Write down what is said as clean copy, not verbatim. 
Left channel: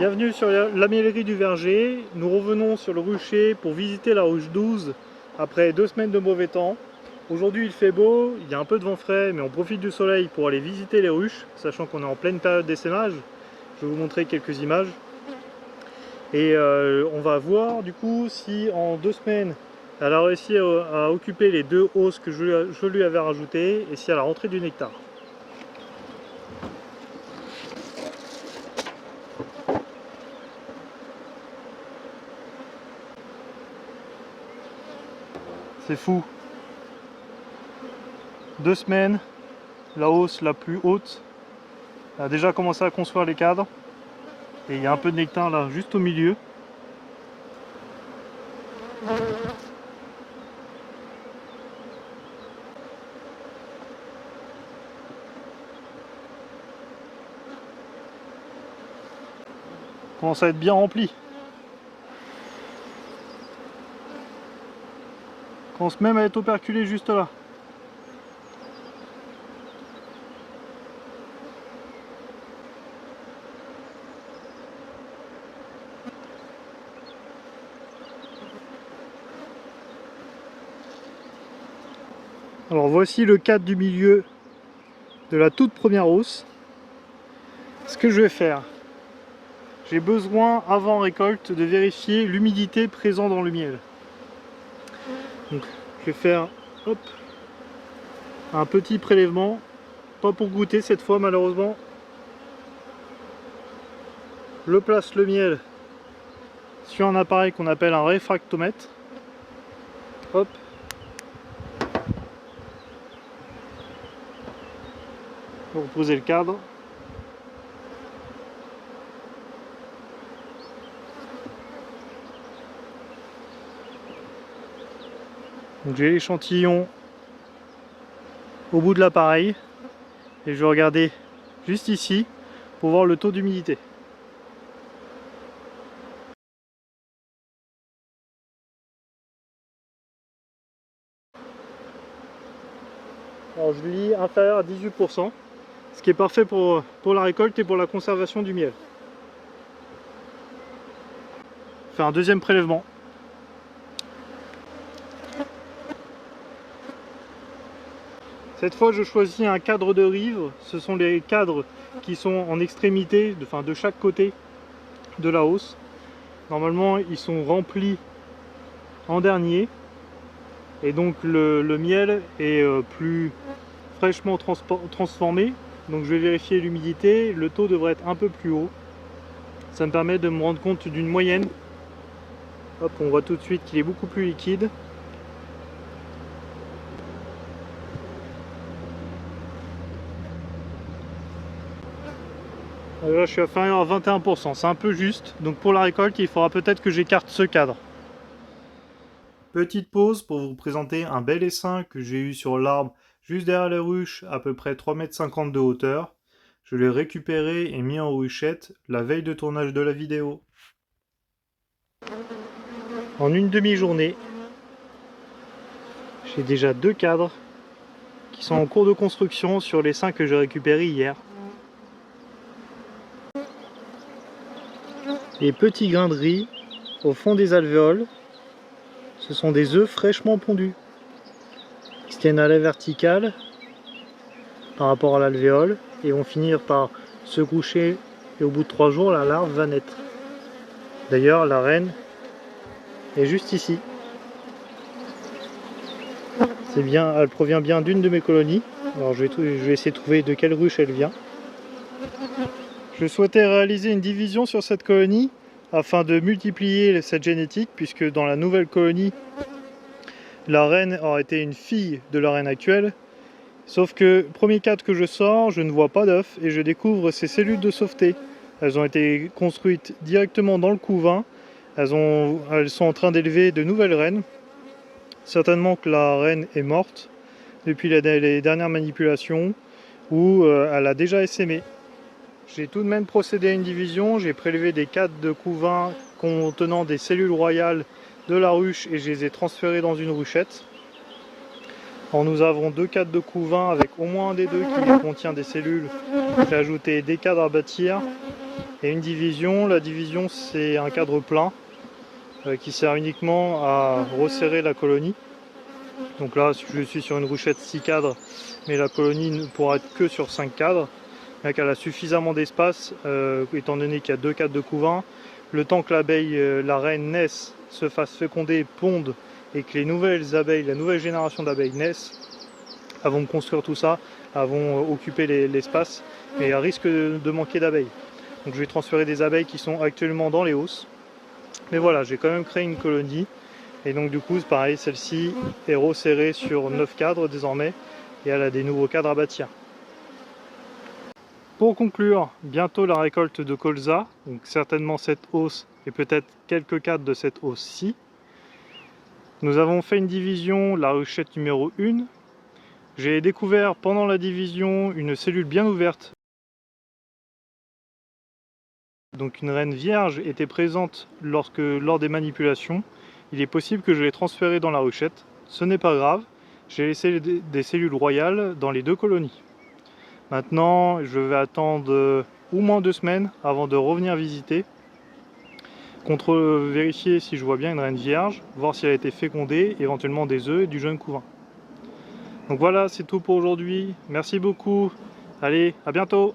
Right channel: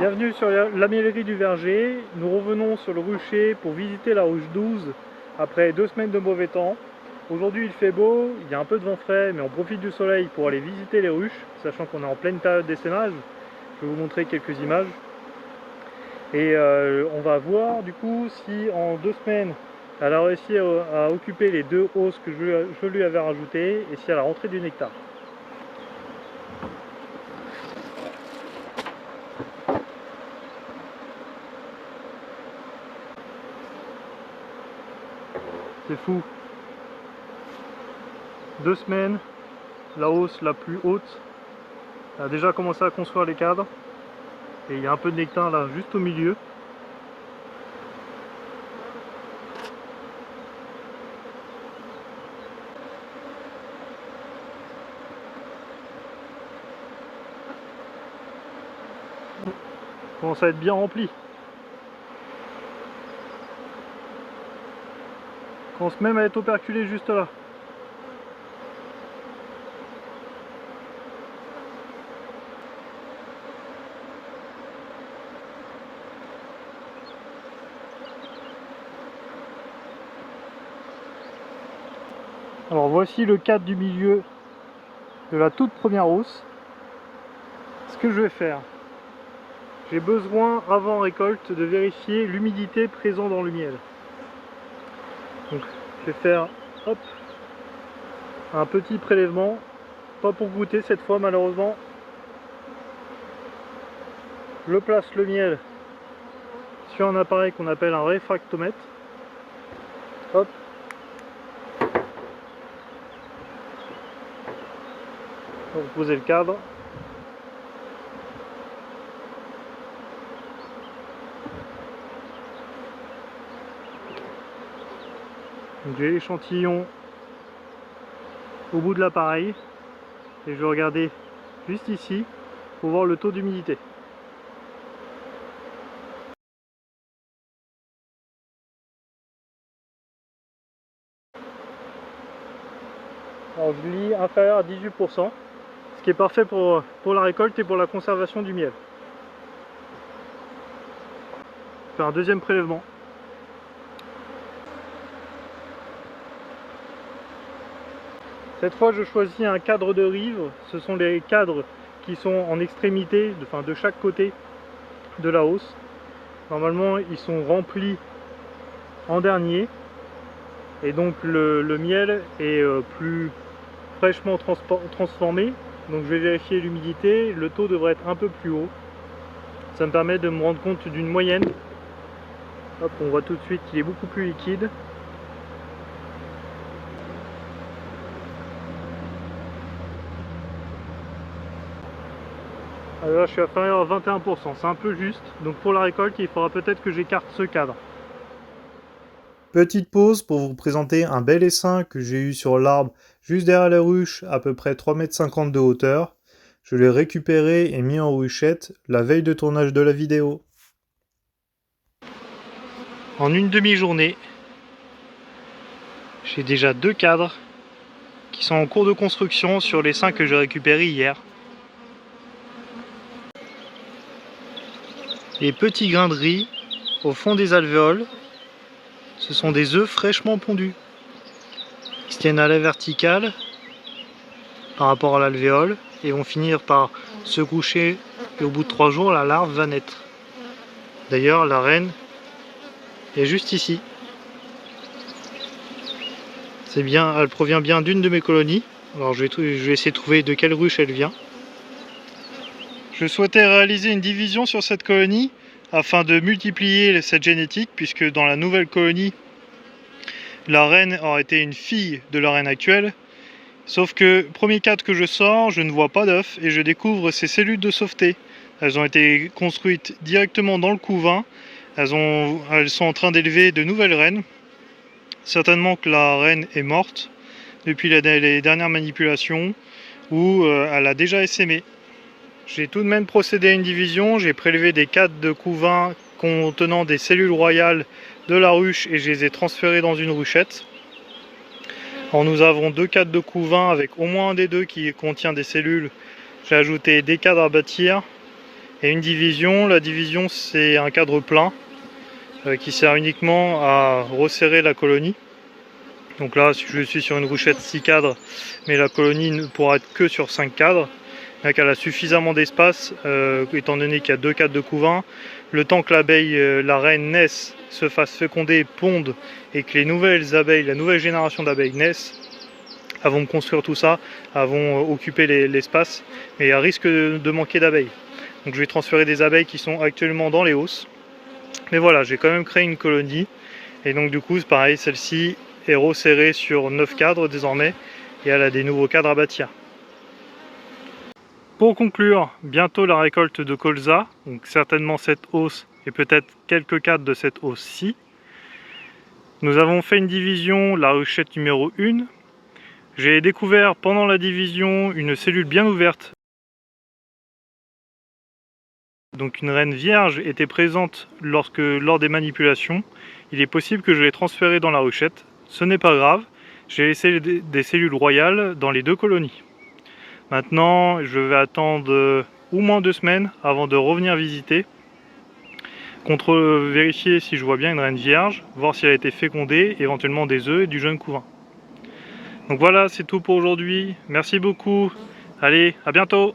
Bienvenue sur la miellerie du Verger. Nous revenons sur le rucher pour visiter la ruche 12 après 2 semaines de mauvais temps. Aujourd'hui il fait beau, il y a un peu de vent frais, mais on profite du soleil pour aller visiter les ruches, sachant qu'on est en pleine période d'essaimage. Je vais vous montrer quelques images. Et on va voir du coup si en 2 semaines elle a réussi à occuper les 2 hausses que je lui avais rajoutées et si elle a rentré du nectar. C'est fou. 2 semaines, la hausse la plus haute a déjà commencé à construire les cadres. Et il y a un peu de nectar là, juste au milieu. Commence à être bien rempli. Commence même à être operculé juste là. Alors voici le cadre du milieu de la toute première hausse. Ce que je vais faire, j'ai besoin avant récolte de vérifier l'humidité présente dans le miel. Donc je vais faire hop, un petit prélèvement, pas pour goûter cette fois malheureusement. Je place le miel sur un appareil qu'on appelle un réfractomètre. Hop. Pour poser le cadre. Donc j'ai l'échantillon au bout de l'appareil et je vais regarder juste ici pour voir le taux d'humidité. Alors je lis inférieur à 18%, ce qui est parfait pour la récolte et pour la conservation du miel. Je fais un deuxième prélèvement. Cette fois je choisis un cadre de rive, ce sont les cadres qui sont en extrémité, de chaque côté de la hausse. Normalement ils sont remplis en dernier et donc le miel est plus fraîchement transformé. Donc je vais vérifier l'humidité, le taux devrait être un peu plus haut. Ça me permet de me rendre compte d'une moyenne. Hop, on voit tout de suite qu'il est beaucoup plus liquide. Alors là je suis inférieur à 21%, c'est un peu juste. Donc pour la récolte il faudra peut-être que j'écarte ce cadre. Petite pause pour vous présenter un bel essaim que j'ai eu sur l'arbre juste derrière la ruche, à peu près 3,50 m de hauteur. Je l'ai récupéré et mis en ruchette la veille de tournage de la vidéo. En une demi-journée, j'ai déjà 2 cadres qui sont en cours de construction sur les 5 que j'ai récupérés hier. Les petits grains de riz au fond des alvéoles, ce sont des œufs fraîchement pondus. Ils se tiennent à la verticale par rapport à l'alvéole et vont finir par se coucher et au bout de 3 jours la larve va naître. D'ailleurs la reine est juste ici. C'est bien, elle provient bien d'une de mes colonies. Alors je vais essayer de trouver de quelle ruche elle vient. Je souhaitais réaliser une division sur cette colonie afin de multiplier cette génétique, puisque dans la nouvelle colonie la reine aurait été une fille de la reine actuelle. Sauf que, premier cadre que je sors, je ne vois pas d'œufs et je découvre ces cellules de sauveté. Elles ont été construites directement dans le couvain. Elles sont en train d'élever de nouvelles reines. Certainement que la reine est morte depuis les dernières manipulations ou elle a déjà essaimé. J'ai tout de même procédé à une division. J'ai prélevé des cadres de couvain contenant des cellules royales de la ruche et je les ai transférés dans une ruchette. Alors nous avons 2 cadres de couvain avec au moins un des deux qui contient des cellules. J'ai ajouté des cadres à bâtir et une division. La division, c'est un cadre plein qui sert uniquement à resserrer la colonie. Donc là, je suis sur une ruchette 6 cadres, mais la colonie ne pourra être que sur 5 cadres. Bien qu'elle a suffisamment d'espace, étant donné qu'il y a 2 cadres de couvain. Le temps que l'abeille, la reine naisse, se fasse féconder, ponde, et que les nouvelles abeilles, la nouvelle génération d'abeilles naissent, elles vont construire tout ça, elles vont occuper l'espace, mais il y a risque de manquer d'abeilles. Donc je vais transférer des abeilles qui sont actuellement dans les hausses. Mais voilà, j'ai quand même créé une colonie. Et donc du coup, c'est pareil, celle-ci est resserrée sur 9 cadres désormais, et elle a des nouveaux cadres à bâtir. Pour conclure, bientôt la récolte de colza, donc certainement cette hausse et peut-être quelques cadres de cette hausse-ci. Nous avons fait une division, la ruchette numéro 1. J'ai découvert pendant la division une cellule bien ouverte. Donc une reine vierge était présente lors des manipulations. Il est possible que je l'ai transférée dans la ruchette. Ce n'est pas grave, j'ai laissé des cellules royales dans les 2 colonies. Maintenant, je vais attendre au moins 2 semaines avant de revenir visiter. Vérifier si je vois bien une reine vierge, voir si elle a été fécondée, éventuellement des œufs et du jeune couvain. Donc voilà, c'est tout pour aujourd'hui. Merci beaucoup. Allez, à bientôt.